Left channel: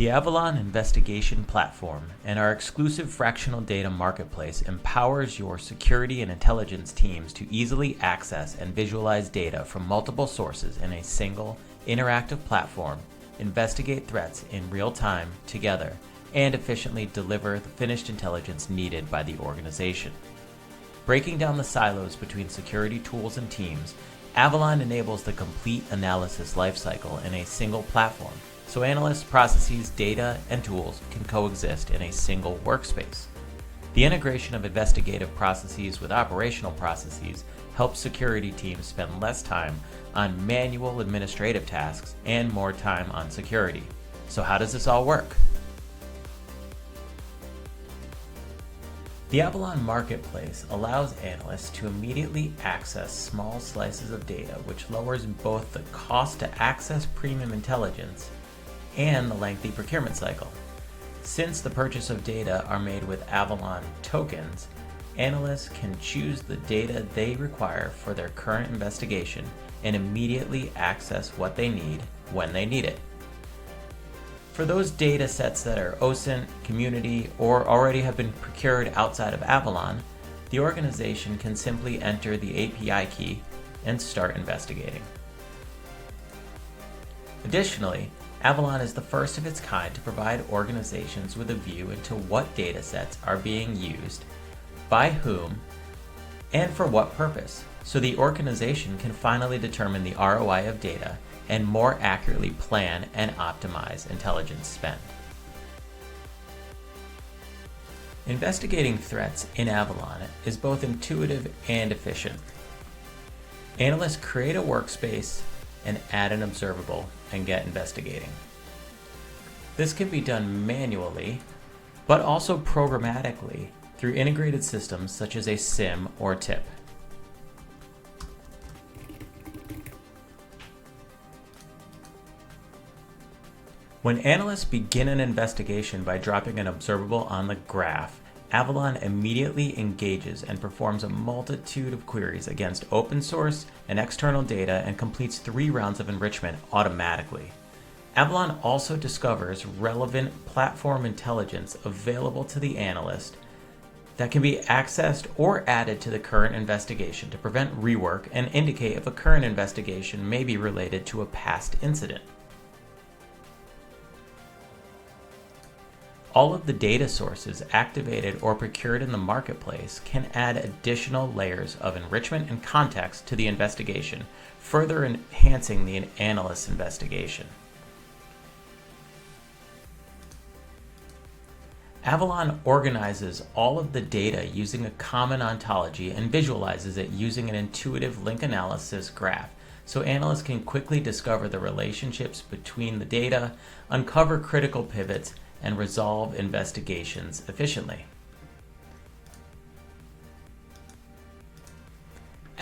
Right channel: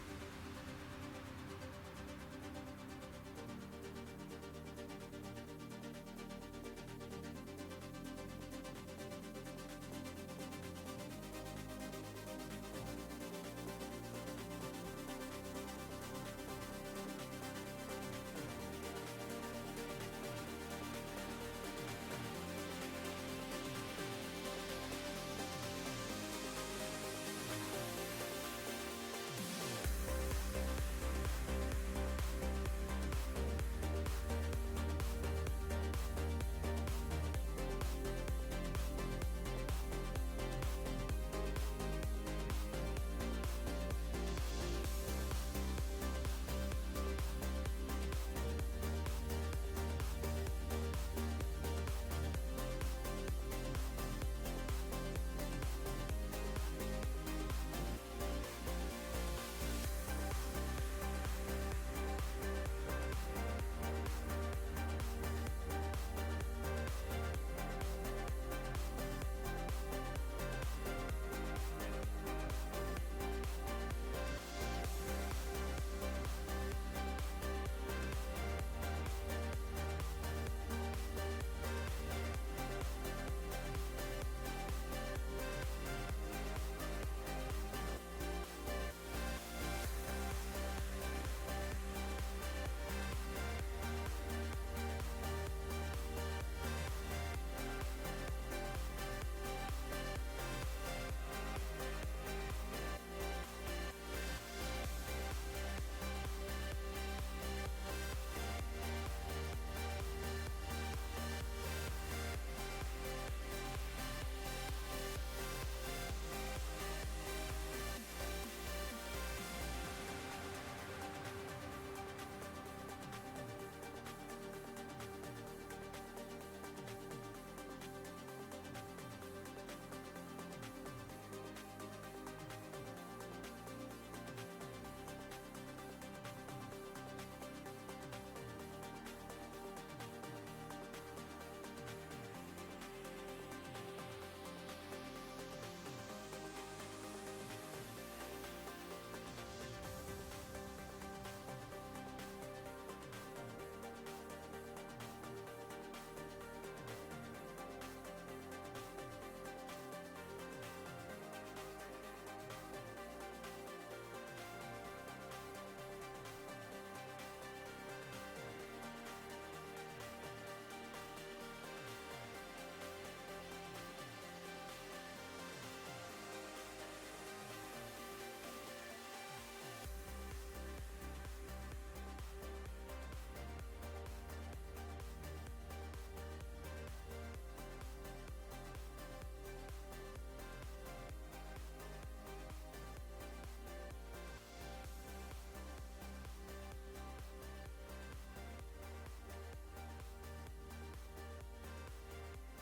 The Avalon investigation platform and our exclusive fractional data marketplace empowers your security and intelligence teams to easily access and visualize data from multiple sources in a single, interactive platform, investigate threats in real time together, and efficiently deliver the finished intelligence needed by the organization. Breaking down the silos between security tools and teams, Avalon enables the complete analysis lifecycle in a single platform, so analysts, processes, data, and tools can coexist in a single workspace. The integration of investigative processes with operational processes helps security teams spend less time on manual administrative tasks and more time on security. So how does this all work? The Avalon Marketplace allows analysts to immediately access small slices of data, which lowers both the cost to access premium intelligence and the lengthy procurement cycle. Since the purchase of data are made with Avalon tokens, analysts can choose the data they require for their current investigation and immediately access what they need when they need it. For those data sets that are OSINT, community, or already have been procured outside of Avalon, the organization can simply enter the API key and start investigating. Additionally, Avalon is the first of its kind to provide organizations with a view into what data sets are being used, by whom, and for what purpose, so the organization can finally determine the ROI of data and more accurately plan and optimize intelligence spend. Investigating threats in Avalon is both intuitive and efficient. Analysts create a workspace and add an observable and get investigating. This can be done manually, but also programmatically through integrated systems such as a SIM or TIP. When analysts begin an investigation by dropping an observable on the graph, Avalon immediately engages and performs a multitude of queries against open source and external data and completes 3 rounds of enrichment automatically. Avalon also discovers relevant platform intelligence available to the analyst that can be accessed or added to the current investigation to prevent rework and indicate if a current investigation may be related to a past incident. All of the data sources activated or procured in the marketplace can add additional layers of enrichment and context to the investigation, further enhancing the analyst's investigation. Avalon organizes all of the data using a common ontology and visualizes it using an intuitive link analysis graph, so analysts can quickly discover the relationships between the data, uncover critical pivots, and resolve investigations efficiently.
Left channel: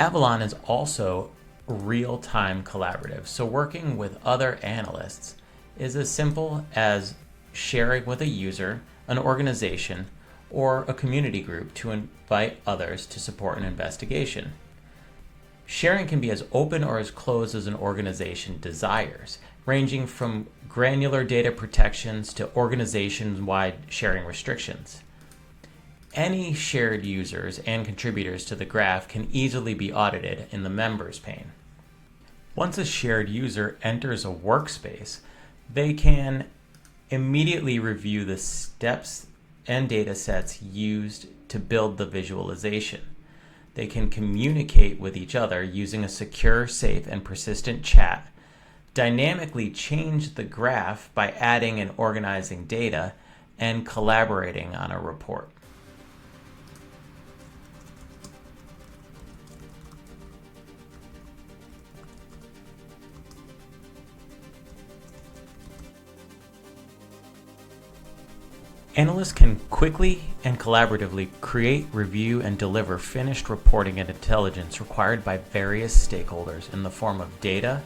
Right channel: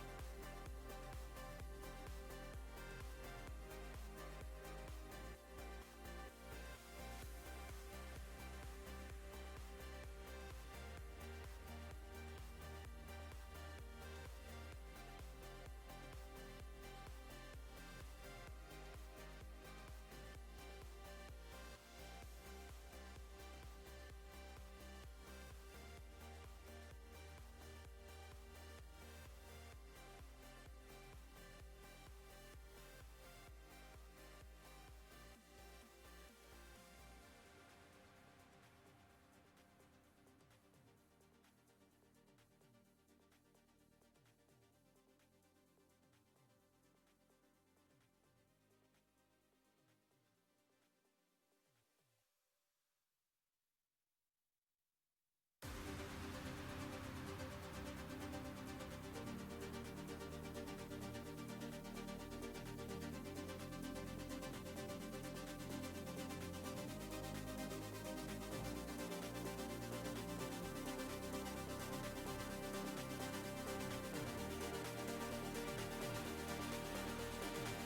Avalon is also real-time collaborative, so working with other analysts is as simple as sharing with a user, an organization, or a community group to invite others to support an investigation. Sharing can be as open or as closed as an organization desires, ranging from granular data protections to organization-wide sharing restrictions. Any shared users and contributors to the graph can easily be audited in the members pane. Once a shared user enters a workspace, they can immediately review the steps and data sets used to build the visualization. They can communicate with each other using a secure, safe, and persistent chat, dynamically change the graph by adding and organizing data, and collaborating on a report. Analysts can quickly and collaboratively create, review, and deliver finished reporting and intelligence required by various stakeholders in the form of data,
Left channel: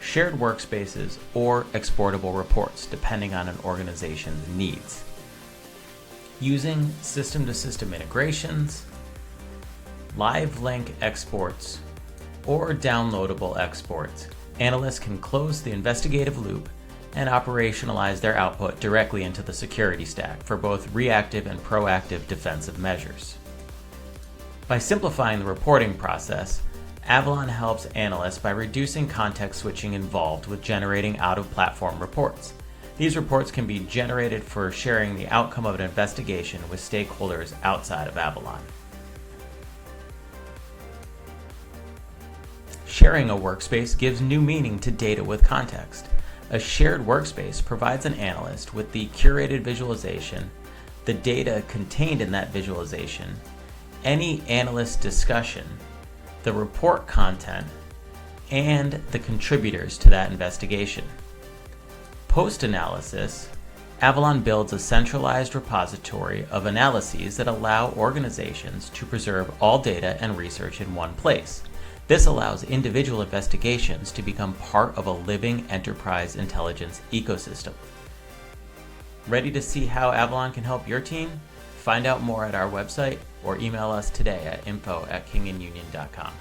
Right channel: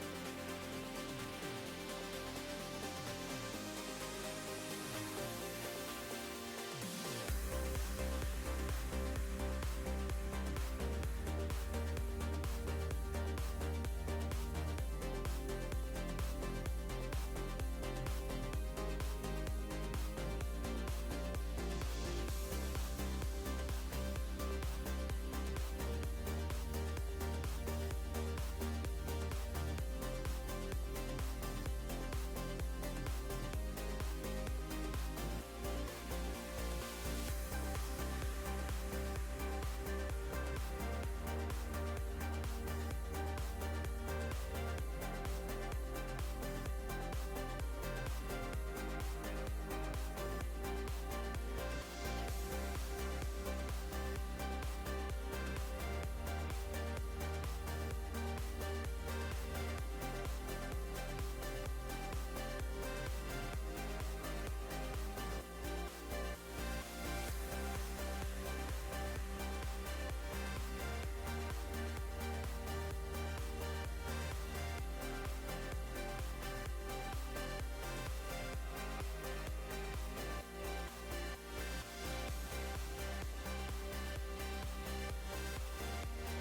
shared workspaces, or exportable reports, depending on an organization's needs. Using system-to-system integrations, live link exports, or downloadable exports, analysts can close the investigative loop, and operationalize their output directly into the security stack for both reactive and proactive defensive measures. By simplifying the reporting process, Avalon helps analysts by reducing context switching involved with generating out-of-platform reports. These reports can be generated for sharing the outcome of an investigation with stakeholders outside of Avalon. Sharing a workspace gives new meaning to data with context. A shared workspace provides an analyst with the curated visualization, the data contained in that visualization, any analyst discussion, the report content, and the contributors to that investigation. Post-analysis, Avalon builds a centralized repository of analyses that allow organizations to preserve all data and research in one place. This allows individual investigations to become part of a living enterprise intelligence ecosystem. Ready to see how Avalon can help your team? Find out more at our website or email us today at info@kingandunion.com.